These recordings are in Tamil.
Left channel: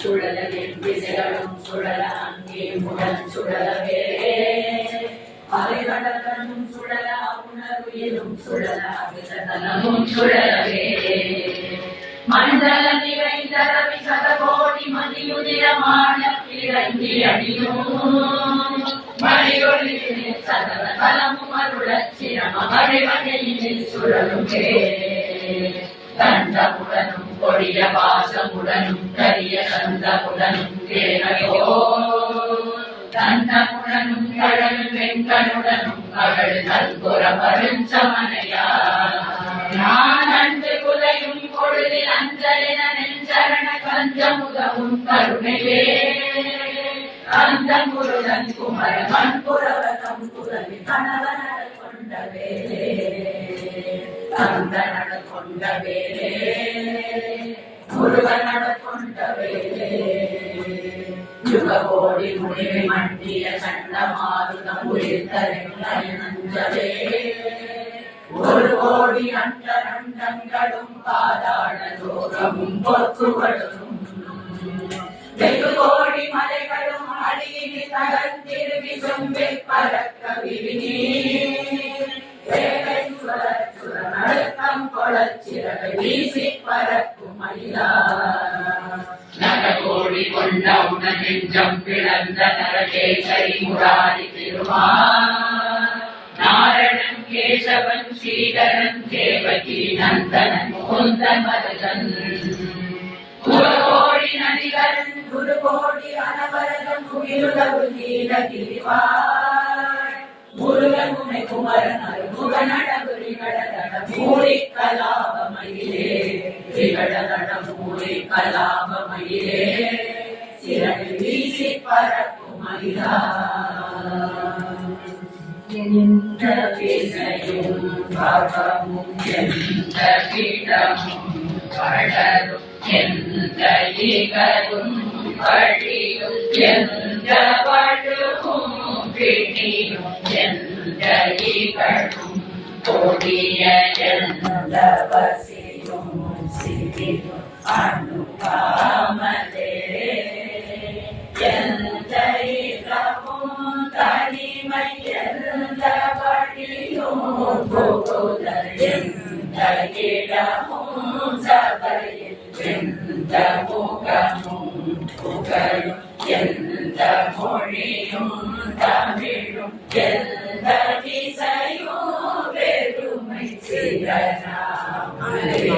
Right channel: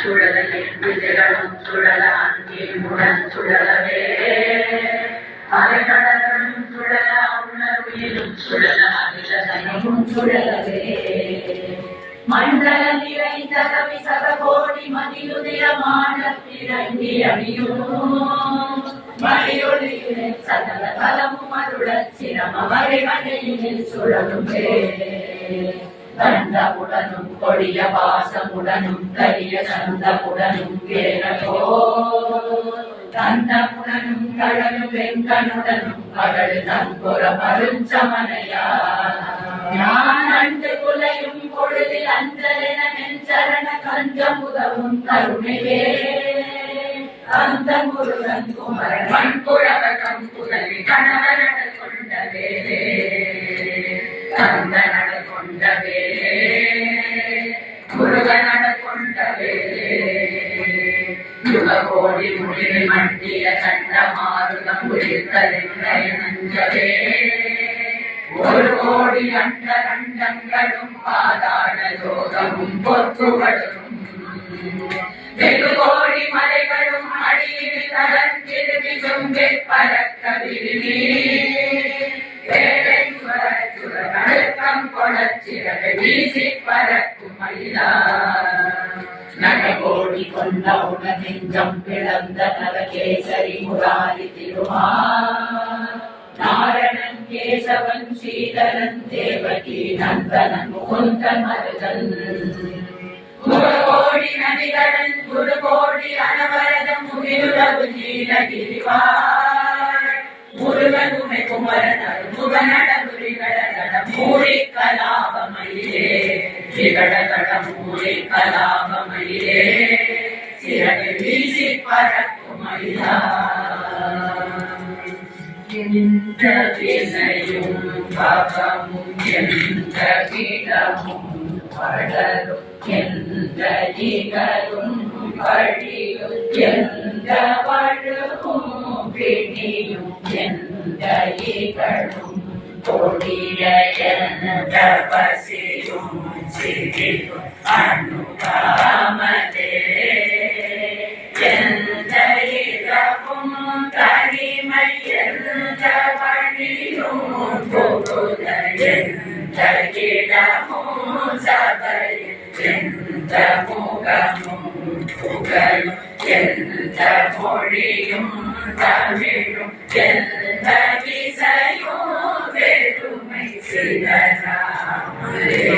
சுடல விசிறலும் சுடல அன்பின் சுடலவே அரைகடலும் சுடல உணர்விலும் சுடல அகிலதனமும் சுடலவே மண்டல நிறைந்த ரவி சதகோடி மதியுதிரமான பிறங்கி அணியும் மணியொளியிலே சகல தலமும் அருளச் சிரம வரைவனையினில் சுழலும் தண்டமுடனும் கொடிய பாசமுடனும் கரிய சந்தமுடனும் கேளையோ தண்டமுடனும் கடலும் வெண்கணுடனும் கடல் நல்புற மருஞ்சமனையா நான் அன்று குலையும் பொழுதில் அஞ்சலின நெஞ்சரண கஞ்சமுதவும் கருணையே அந்த முருகன் குமர மண்புழவ கம்புகவி கணவனட கொண்ட வேலே கந்தனட கொண்ட வேலே முருகனட கொண்ட வேலே யுககோடி முடிவில் மண்டிய சண்ட மாருதம் உயிர்த்தறிந்தவே ஒரு கோடி அண்ட அண்டங்களும் பாதாள லோகமும் பொற்குகளும் வெகு கோடி மலைகளும் அடியில் தகர்ந்திருவி சொம்பில் பறக்க விரும்பி நடுக்கம் கொளச்சிறக வீசி பறக்கும் மயிலா நககோடி கொண்ட உணநெஞ்சம் பிளந்த நரகேசரி முராரி திருமா நாரணன் கேசவன் ஸ்ரீதரன் தேவகி நந்தனன் முகுந்தன் மருகன் முககோடி நதிகரன் குருகோடி அனவரதம் முகிலுலகு நீலகிரிவார் முருகன் உமை குமரன் அருமுகநடகு விகடகட மூரி கலாபமயிலே விகடகட மூரி கலாபமயிலே சிறகு வீசி பறக்கும் மயிலா எந்த வினையும் பவமும் எந்த விடமும் படரும் எந்த இகரும் பழியும் எந்த வழுவும் பிணியும் எந்த இகழும் கொடிய எந்த பசியும் சிறியும் அணுகாமதே எந்த இரவும் தனிமை எந்த வழியும் புகுத எந்த இடமும் சபையில் எந்த முகமும் புகழும் எந்த மொழியும் தமிழும் எந்த விசையும் வெறுமை சிலராமரே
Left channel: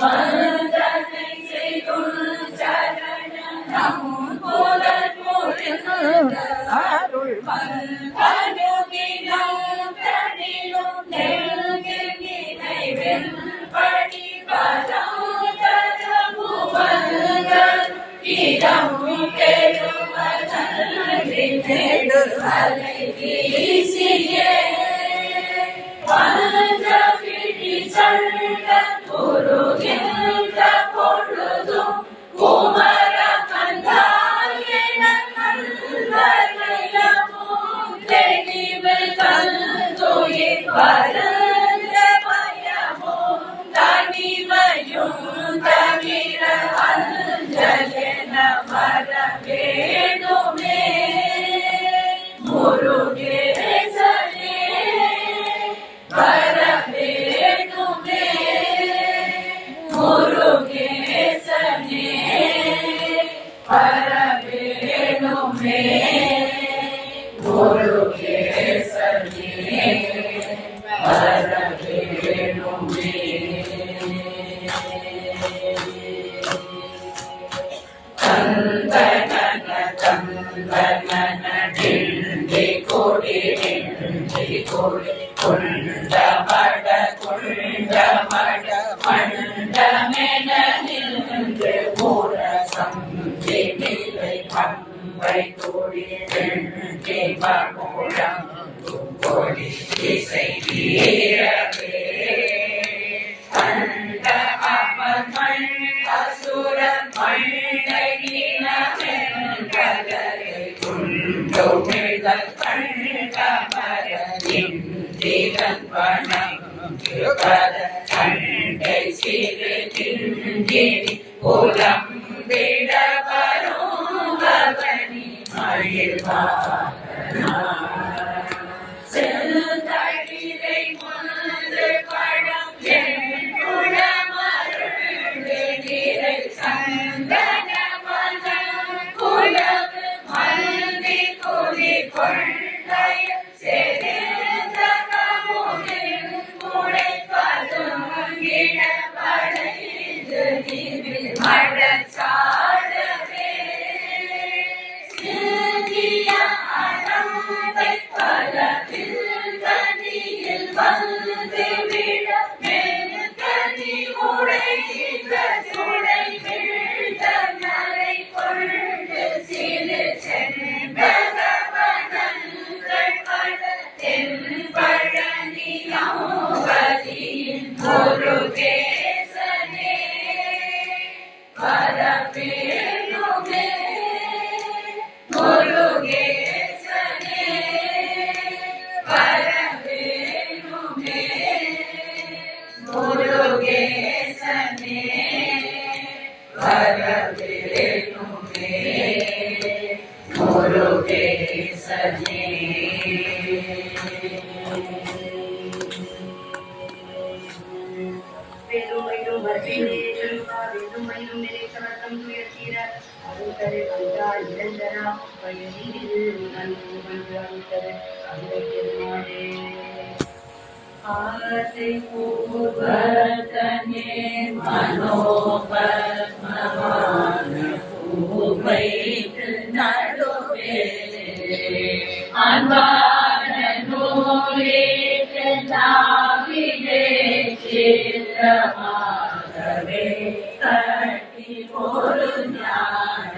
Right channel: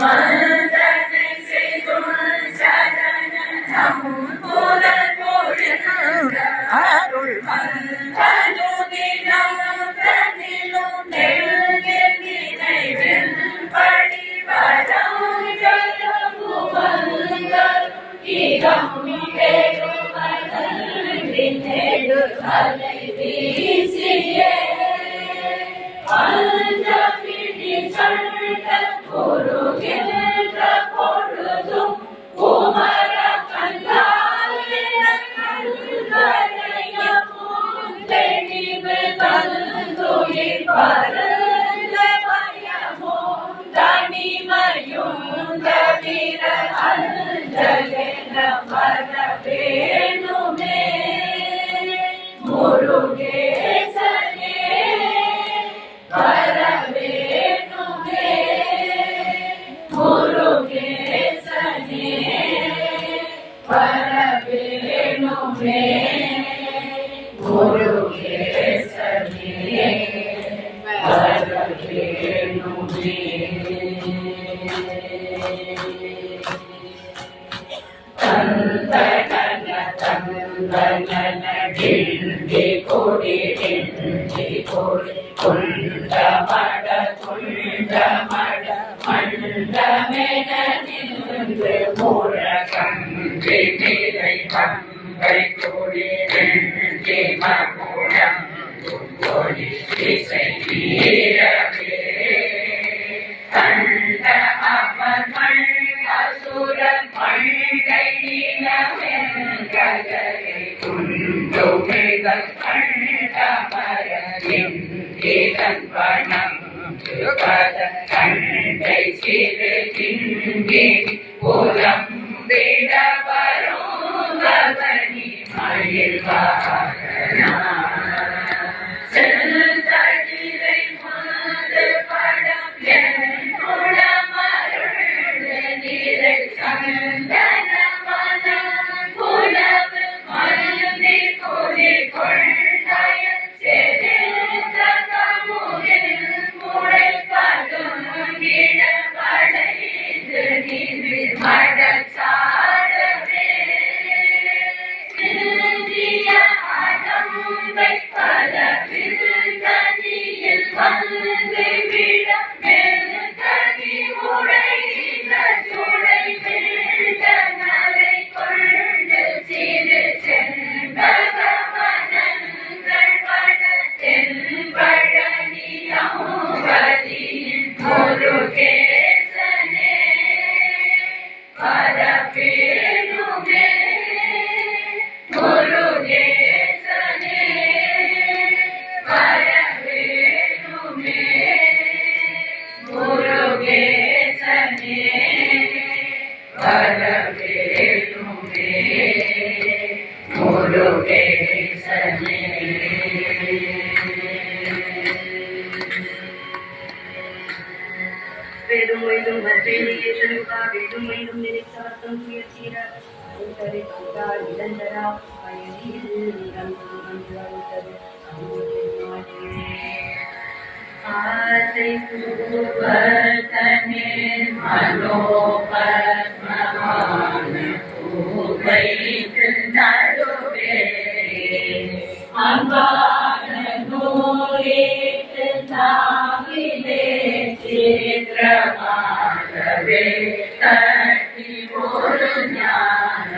மந்தனை செய்துள் சரணம் புலன் பொழுது அருள் மந்தனுதினம் தனிலும் நெல்லில் நினைவில் படிவரம் கரமுவங்கள் இதம் பெருமதன் நெடுமலை வீசியே பஞ்சபிடி சண்ட பொருகின்ற பொழுதும் குமர கந்தாயின கல்வரையமும் தெளிவு கல்துயிர் பரந்த பயமும் தனிமையும் தவிர அஞ்சலென வரவேணுமே முருகேசனே வரவேணுமே முருகேசனே வரவேணுமே முருகேசனே வரவேணுமே தந்தனன தந்தனன டிண்டி கொடி குண்டமட மண்டமென நின்று முரசம் நிலை பம்பை கொடி மகுடம் கொடி இசை வீரவே கண்ட அமர் மண் அசுரன் மண்டை நிலமெங்கலை குண்டுமிகள் கண்டமர இந்திரன் வனம் பத கண்டை சிறு கிண்டி புலம் விட வரும் பவனி மயில் வாகனா செல்தடிரை முந்து படம் என் குளமருள் நிறை சந்தன மனம் குலவு மருந்தி குடி கொண்டைய செறிந்த கமுகில் முளைப்பதும் இடமடைந்து நிமிர் மடச்சாடவே சிந்திய அடம்பை பல வில்கனியில் வந்து விட மெல்கனி உடைந்த சுடை வீழ்ந்த நரை கொண்டு சிறு செண்பகவனங்கள் பட தென்பழனியம்பதியின் முருகேசனே பரப்பேனுமே முருகேசனே பரப்பேனுமே முருகேசனே பரப்பேனுமே முருகேசனே. வேதுமைதும் வர்த்தேஷனுகா வேதுமைதும் நினைத்தவர்த்தம் துயர்த்தீர அருந்தரு கங்கா இளந்தரா பயனில் நன்கு அருந்தரு கங்கை பெருமாளே ஆசை பூவர்த்தனே மனோபத்மவான பூவைக்கு நடுவே அன்பான நூலேற்று நாவிலே சித்திரமாகவே தட்டி ஒரு ஞான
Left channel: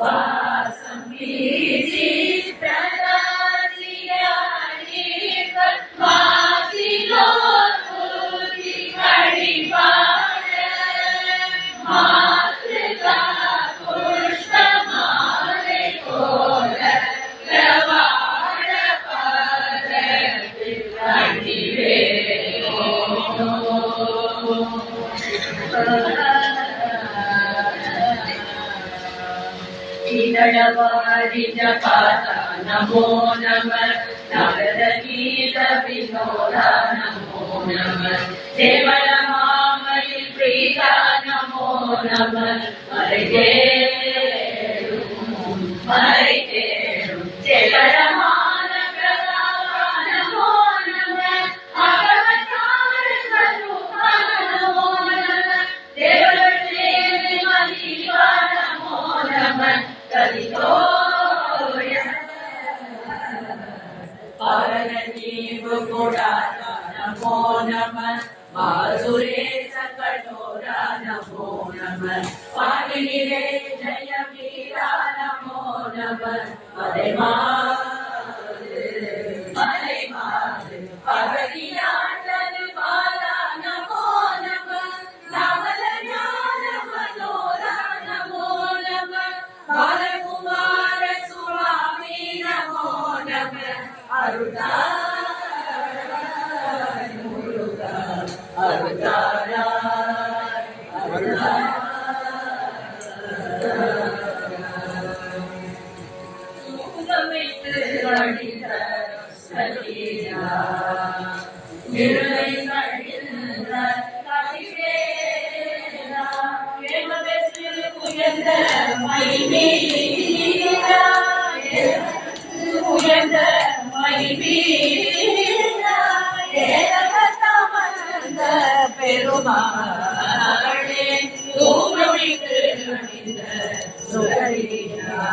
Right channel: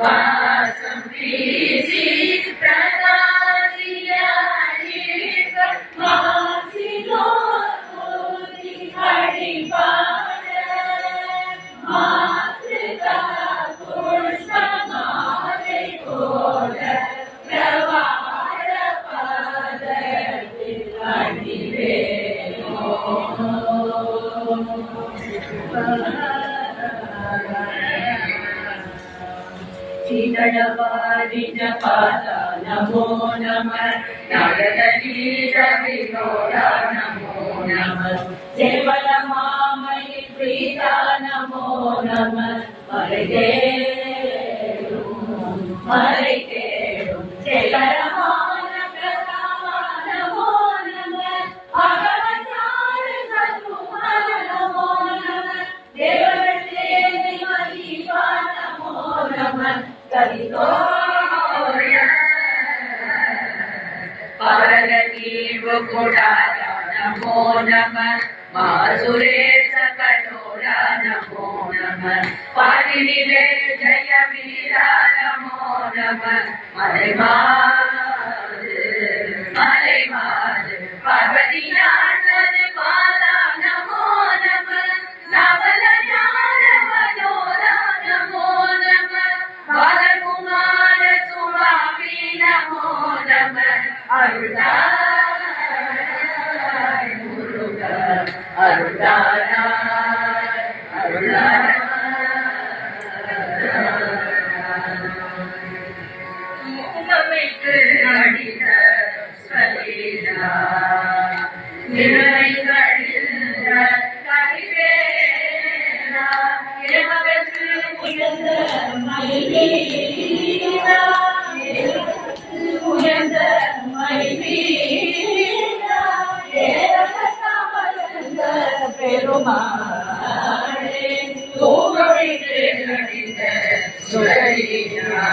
வாசம் வீசி பிரகாசிய அடிகள் மாசிலோர் பூதி கடிபாட மாத்ருகா புஷ்பமாலை போல பிரவாள பாதத்தில் அடிவே ீதளவாரிஜ பாதா நமோ நம நகரீத வினோதா நமோ நம தேவல மாமயில் பிரீதா நமோ நம மறை தேடும் செலரமான பிரதாவா நமோ நம அகவசார சதுபா நமோ நம தேவர்கள் சேவை மதிவா நமோ நம கதிதோய பரதீவு குடாரா நமோ நம மாசுரேச கடோரா நமோ நம பாணினிலே ஜய வீரா நமோ நம மலைமாது பார்வதியானது பாலா நமோ நம நவல ஞான மனோரா நமோ நம பாலகுமார சுவாமி நமோ நம அருளாய் முருகா அருளாய் அருளாய் முகமைக்கு அடித்த சலீலா நிழலை கழிந்த கலிவேலா எமகத்து உயர்ந்த மைமீரா உயர்ந்த மைமீரா ஏகமர்ந்த பெருமாளே தூமமைக்கு அடித்த சுடலீலா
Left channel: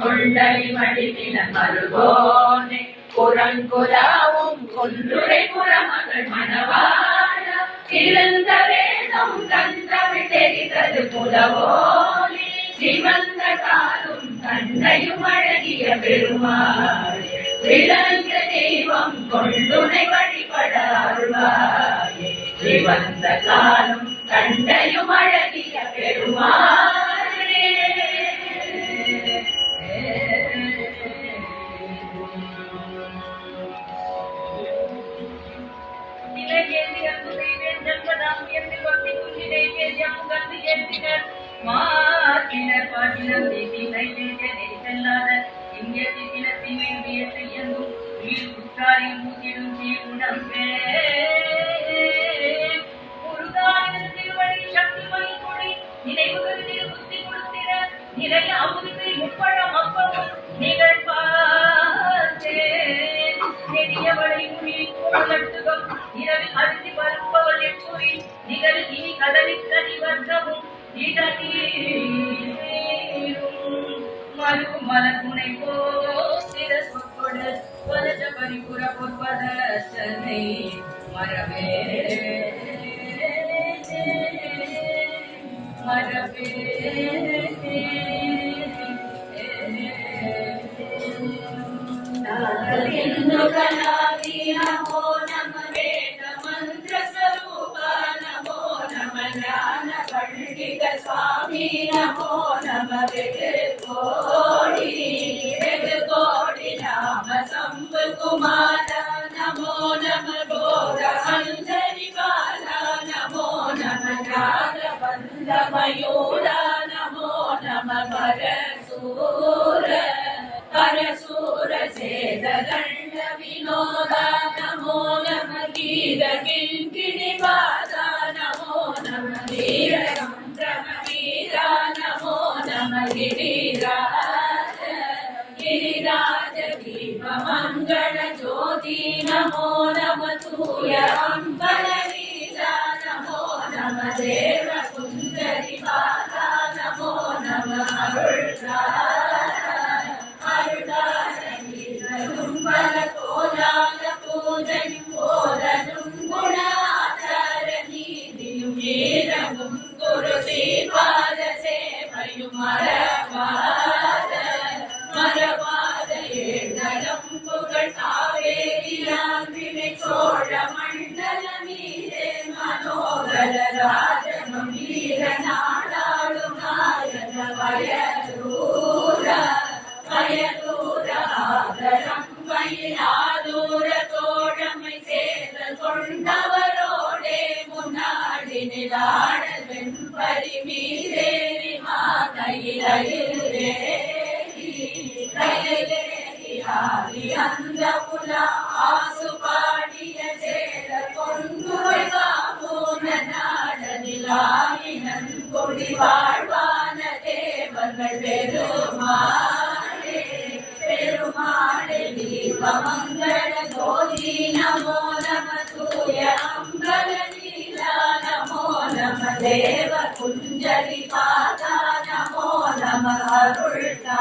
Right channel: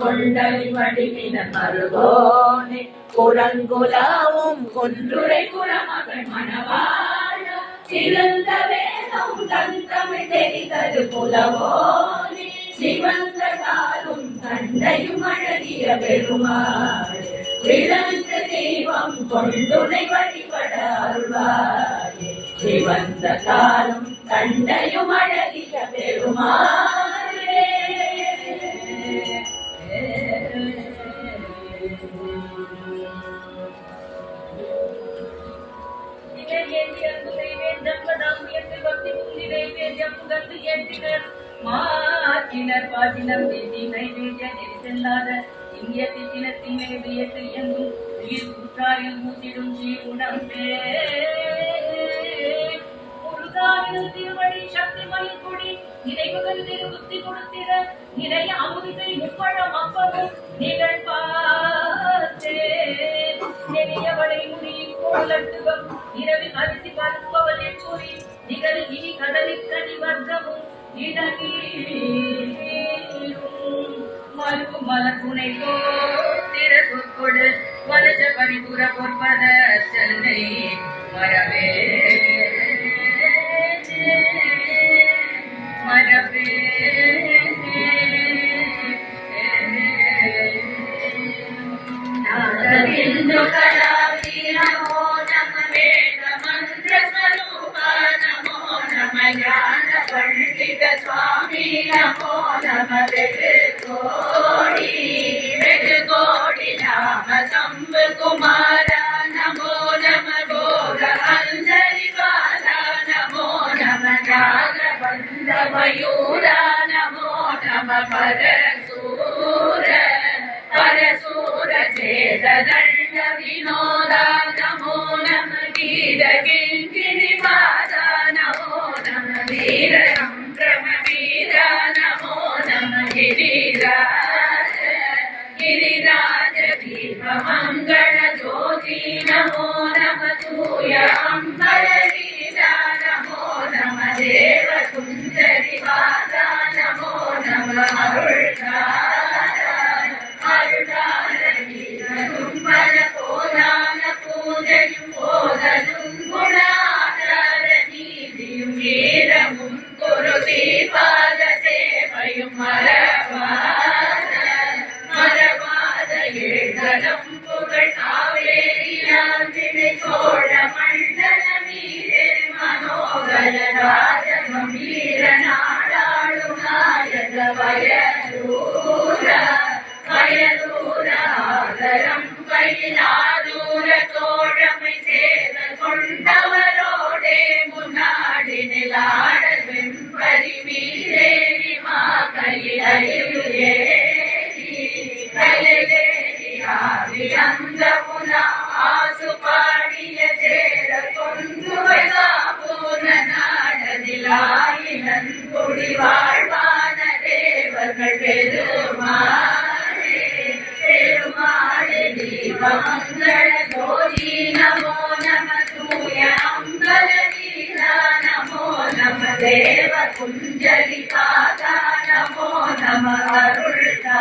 கொண்டை மடிக்கின மருகோனே குரங்குலாவும் கொன்றுரை புறமகள் மணவாழ சிறந்த வேதம் தந்தமிழ் தெரிந்தது புலவோனே சிவந்த காலும் தண்டையும் அழகிய பெருமாளே விளங்க தெய்வம் கொண்டுனை வழிபட அருள்வாயே சிவந்த காலும் தண்டையும் அழகிய பெருமாளே அன்பு செய்வேன் ஜன்மதாம் உயர்ந்து பக்தி குஞ்சினை வேதியம் கந்து ஏற்றினர் மாற்றினர் பாட்டினம் தேதி நைவேத்திய நெறி செல்லாத இந்திய தினத்தின் மேல் வியத்து எங்கும் உயிர் குற்றாரில் மூத்திடும் சீருணம்பே முருகானில் திருவடி சக்தி மணி கொடி நினைவுகள் திரு புத்தி கொடுத்திட நிறைய அமுதிசை முப்பழம் அப்பமும் நிகழ்பார்த்தே நெடியவளை முனி கோலட்டுகம் இரவில் அரிசி பருப்பவள் எப்புரி நிகழ் இனி கடலில் கனி வர்க்கமும் இடநீரும் மறுமல துணை திர சொற்கொடு வலஜ பரிபுர பொற்பத சென்னை மரவே மரவே நாதபிந்து கலாவி நமோ நம வேத மந்திர ஸ்வரூப நமோ நம ஞான பண்டித சுவாமி நமோ நம வெகு கோடி நாம சம்பு குமார நமோ நம கோர அஞ்சலி பாலா நமோ நம நாத பந்த மயூர நமோ நம பரசூர சேத தண்ட வினோத நமோ நம கீத கிங்கிணி பாத நமோ நம வீர சம்பிரம வீர நமோ நம गिरिराज दीप मंगल ज्योति नमो नम तूय अंबर लीला नमो नम देव कुंजरि माता नमो नम अरुणार कोलाल पूजयु ओदनुं गुणाधरणीतिं वीरमुं गुरु श्रीपाद सेवयु சோழ மண்டல மீரே மனோகர ராஜ கம்பீர நாடாளும் நாயக வயலூர ஆதரம் பயிலாதூர தோழமை சேத கொண்டவரோடே முன்னாடி நிலாட வெண்பரி மீரேறி மா கையிலே அந்த புல ஆசு பாடிய சேர கொண்டு பூன நாடனிலாயினன் குடி வாழ்வான தேவர்கள் பெருமாளே தீபமங்கள ஜோதி நமோ நம தூய அம்பல லீலா நமோ நம தேவ குஞ்சலி பாதா நமோ நம அருள்தா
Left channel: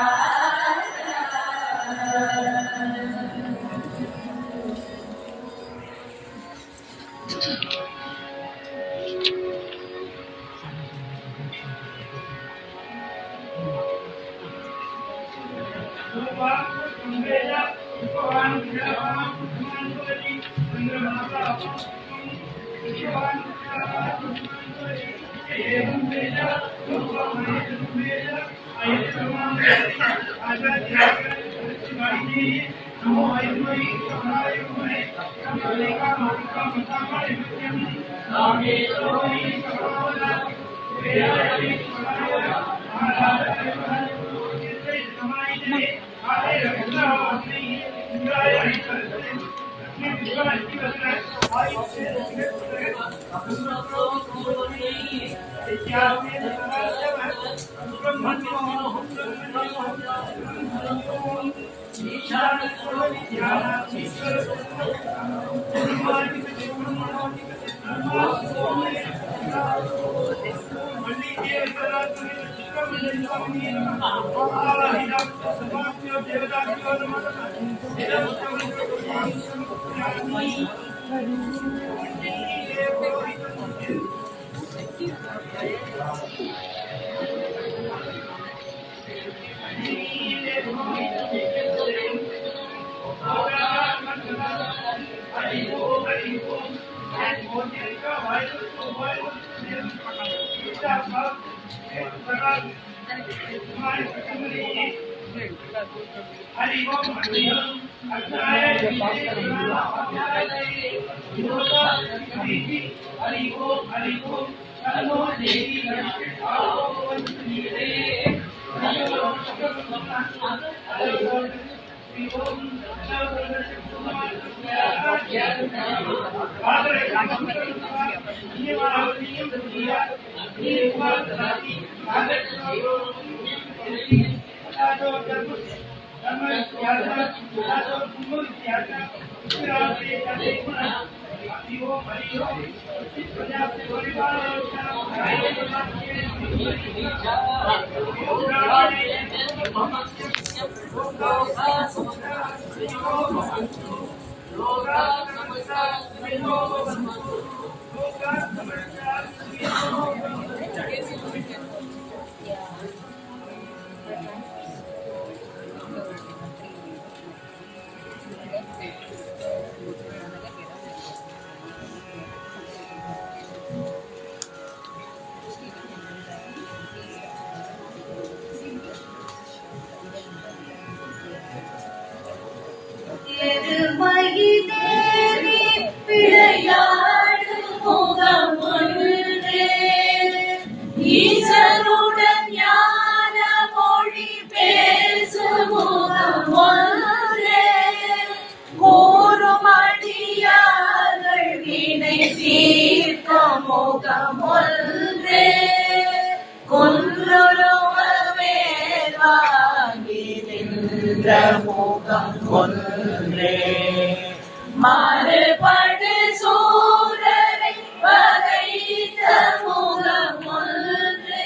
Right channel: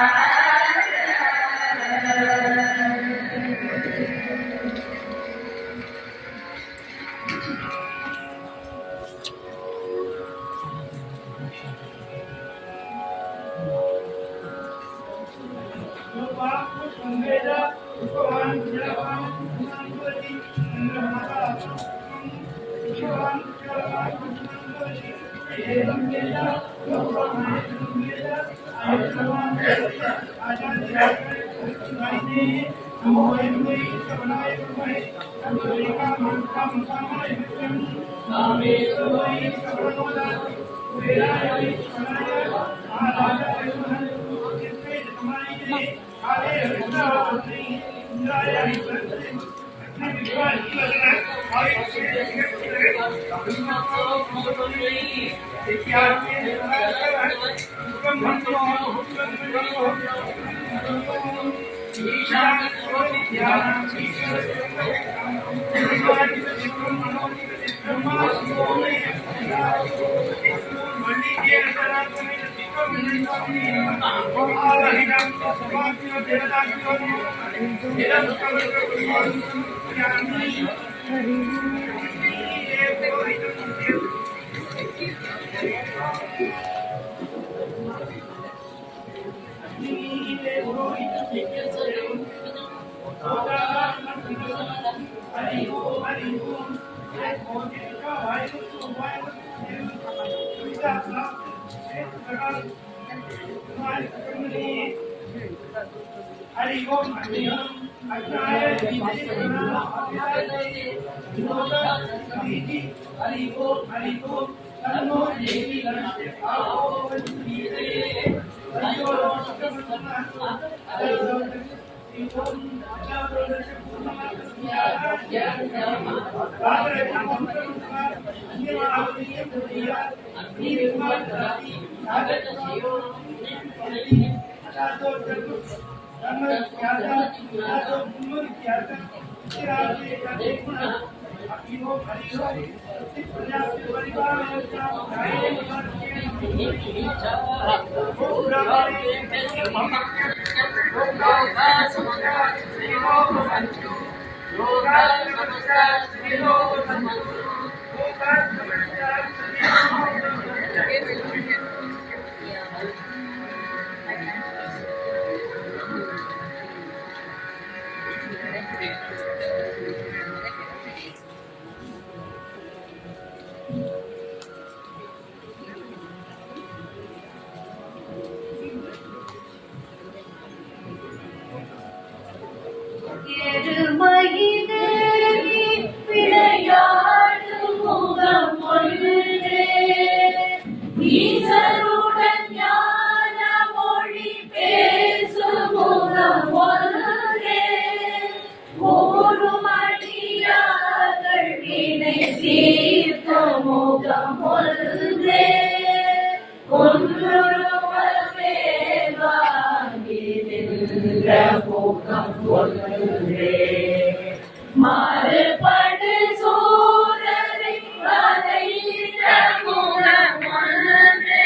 மாறுபடு சூரரை வதைத்த முகம் ஒன்றே,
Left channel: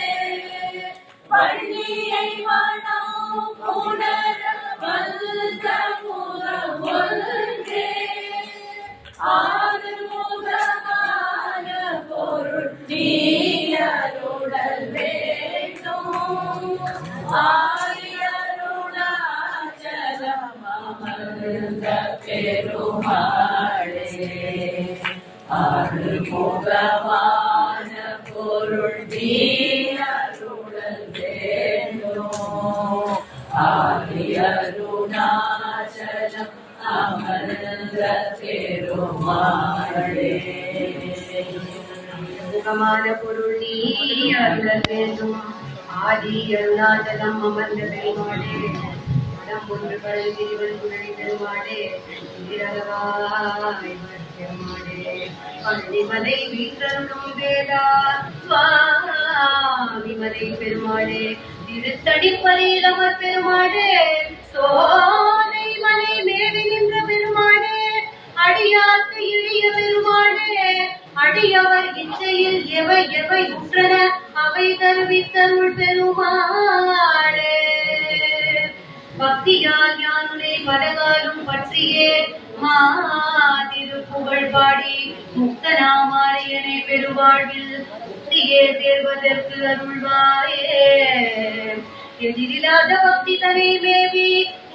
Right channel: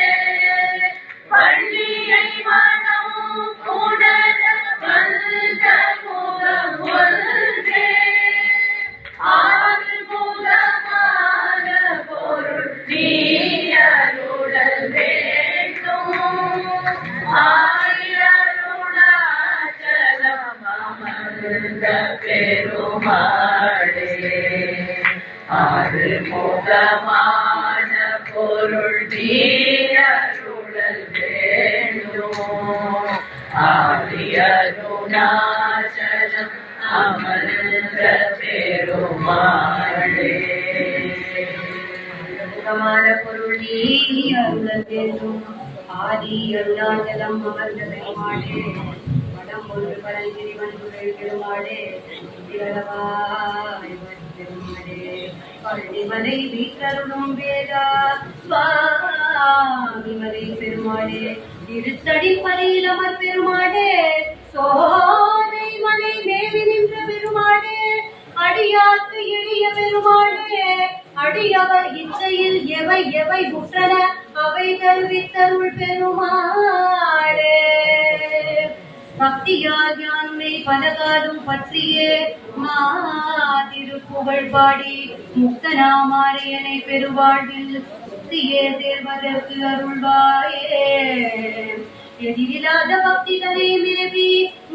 பள்ளியை மனம் உணர வந்த முகம் ஒன்றே, ஆறு முகமான பொருள் நீ அருளல் வேண்டும். அமர்ந்த பெருமாளே, ஆறு முகமான பொருள் நீ அருளல் வேண்டும். ஆதி அருணாச்சலம் அமர்ந்த பெருமாளே, முகமான பொருள் நீ அருளல் வேண்டும். ஆதி அருணாச்சலம் அமர்ந்த பெருமாளே, ஒன்று கடல் சிறிவன் குழை பெருமாளே, திரளவாய் பெருமாளே, பள்ளிமலை வீட்டருளும் வேதா சுவாமிமலை பெருமாளே, திருத்தடி பலியிலமர் பெருமாளே, சோதை மலை மேவி நின்ற பெருமாளே, அடியார்க்கு எளிய பெருமாளே, அடியவர் இச்சையில் எவை எவை உற்றன அவை தருவித்தருள் பெருமாளே, பக்தியால் யானுனை பலகாலும் பற்றியே திருப்புகழ் பாடி முக்தனாமாரையனை பெருவாழ்வில் முக்தியே சேர்வதற்கு அருள்வாயே. எதிரில்லாத பக்தி தனை மேவி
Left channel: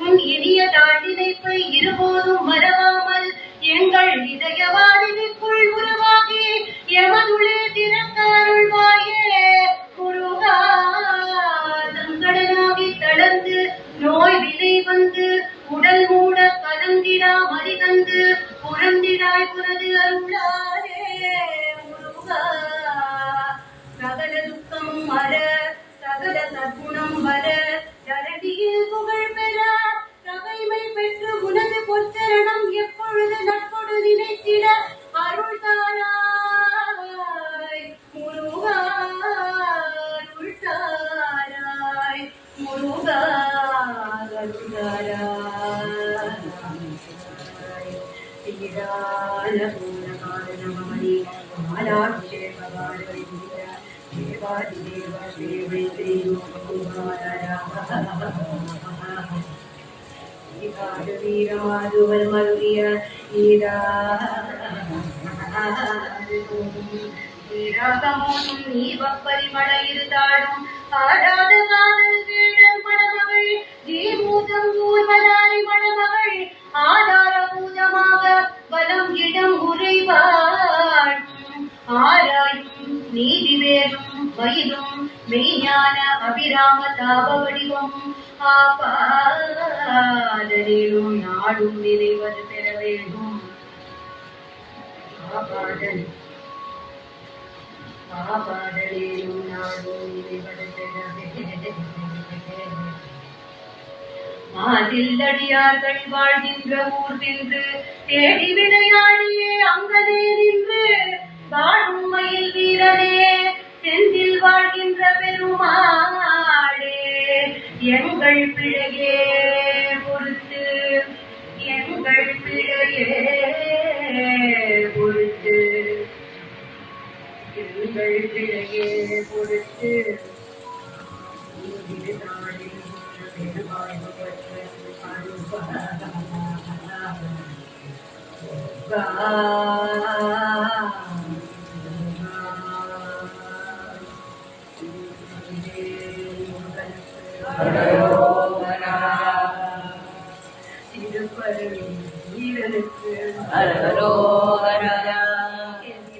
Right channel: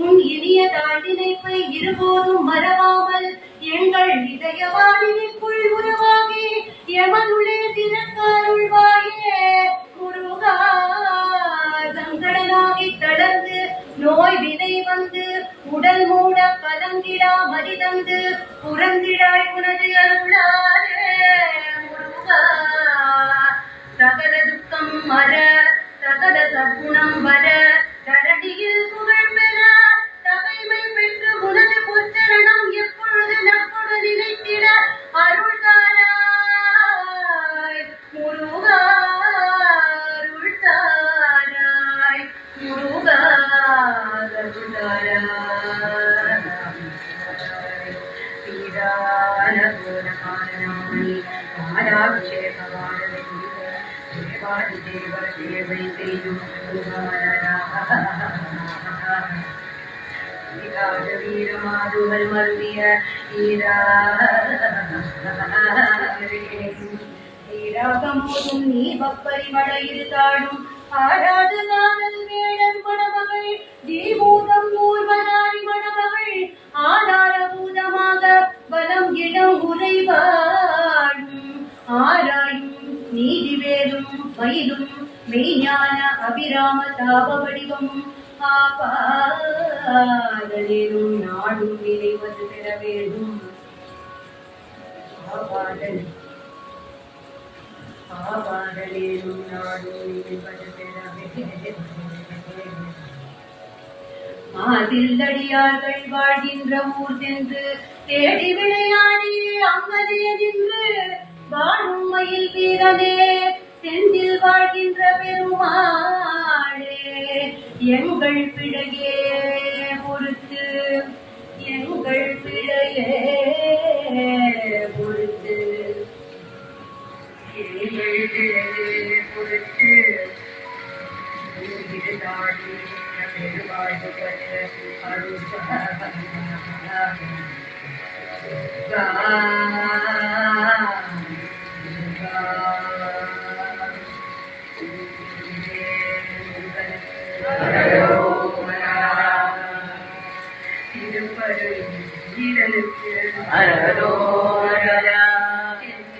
உன் இனிய தாண்டினைப்பை இருபோதும் மறவாமல் எங்கள் இதய வாடினுக்குள் உருவாகி எமனுளே திறக்க அருள்வாயே. முருகா, சங்கடனாகி தளர்ந்து நோய் வினை வந்து உடல் மூட கலந்திடா மதிதந்து புறந்திடாய் புனது அருளாரே. முருகா, சகல துக்கம் மர சகல சகுணம் வர கரடியில் புகழ் பெற தகைமை பெற்று உனது பொற்சரணம் எப்பொழுது நட்பொடு நினைத்திட அருள் தாராய். முருகா, அருள் தாராய். முருகா, அருள் தாராய். சீரான பூரணமானி ஆராட்சேபவாரவிந்த தேவாதி தேவ சேவை செய்யும் வீரமாதுவல் மருதிய ஈராகமோதும் நீ பப்பரிமள இருதாடும் ஆராத காதல் வேடன் மணமகள் தீமூதம் ஊர்மலாய் மணமகள் ஆதாரபூதமாக பலம் இடம் உறைவாடும் ஆராயும் நீதி வேலும் பயிலும் மெய்ஞான அபிராம தாப வடிவம் ஆபா காப்பாடலேனும் நாடும் நினைவது பெற வேண்டும். காப்பாடலேனும் நாடும் நினைவது பெற வேண்டும். மாதில்லடியார்கள் வாழ்கின்ற ஊர் சென்று தேடி விளையாடியே அங்கனே நின்று வாழும் மயில் வீரனே செந்தில் வாழ்கின்ற பெருமாளே எங்கள் பிழையே பொறுத்து எங்கள் பிழையே பொறுத்து எங்கள் பிழையே பொறுத்து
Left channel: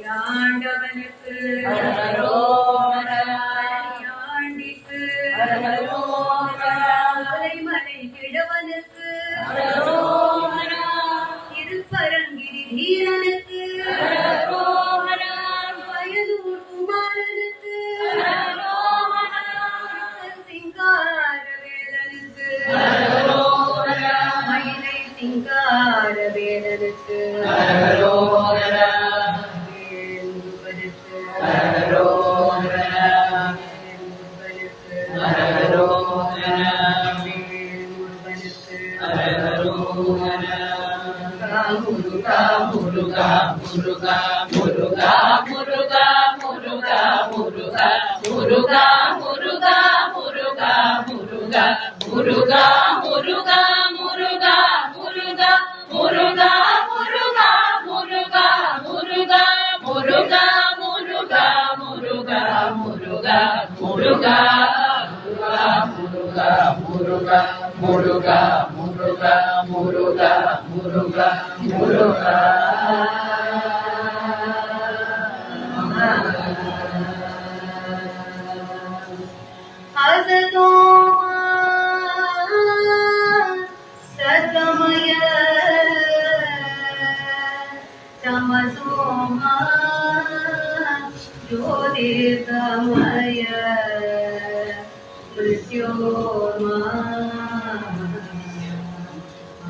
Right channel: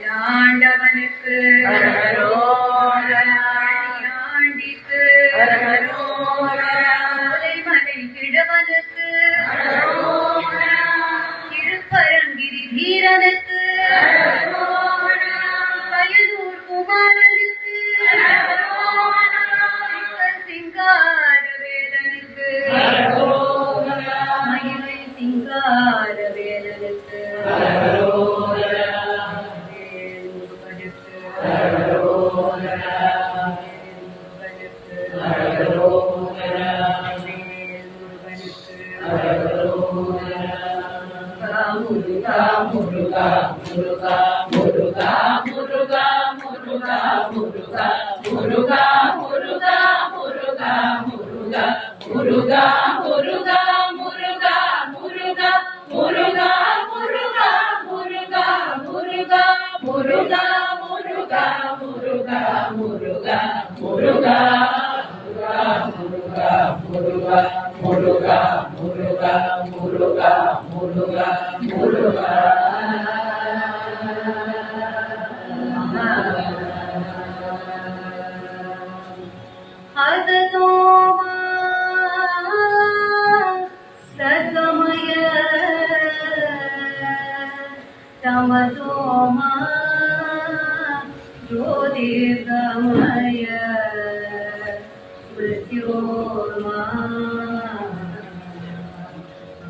ஆண்டவனுக்கு ஆண்டிக்கு மலை கிழவனுக்கு திருப்பரங்கிரி வீரனுக்கு வயலூர் குமாரனுக்கு சிங்கார வேலனுக்கு மயிலை சிங்கார வேலனுக்கு तमसोमा ज्योतिर्गमय मृत्योर्मा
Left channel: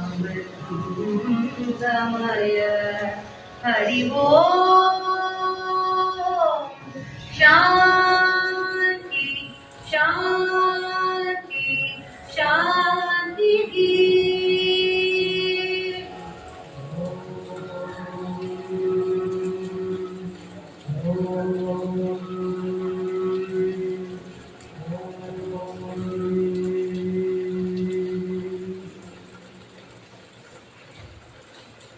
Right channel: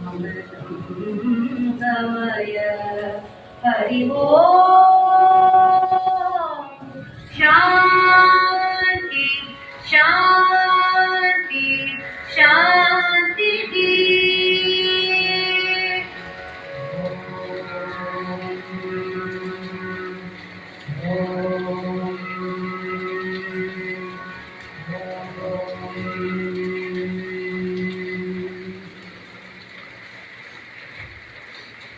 अमृतं गमय हरि ओम।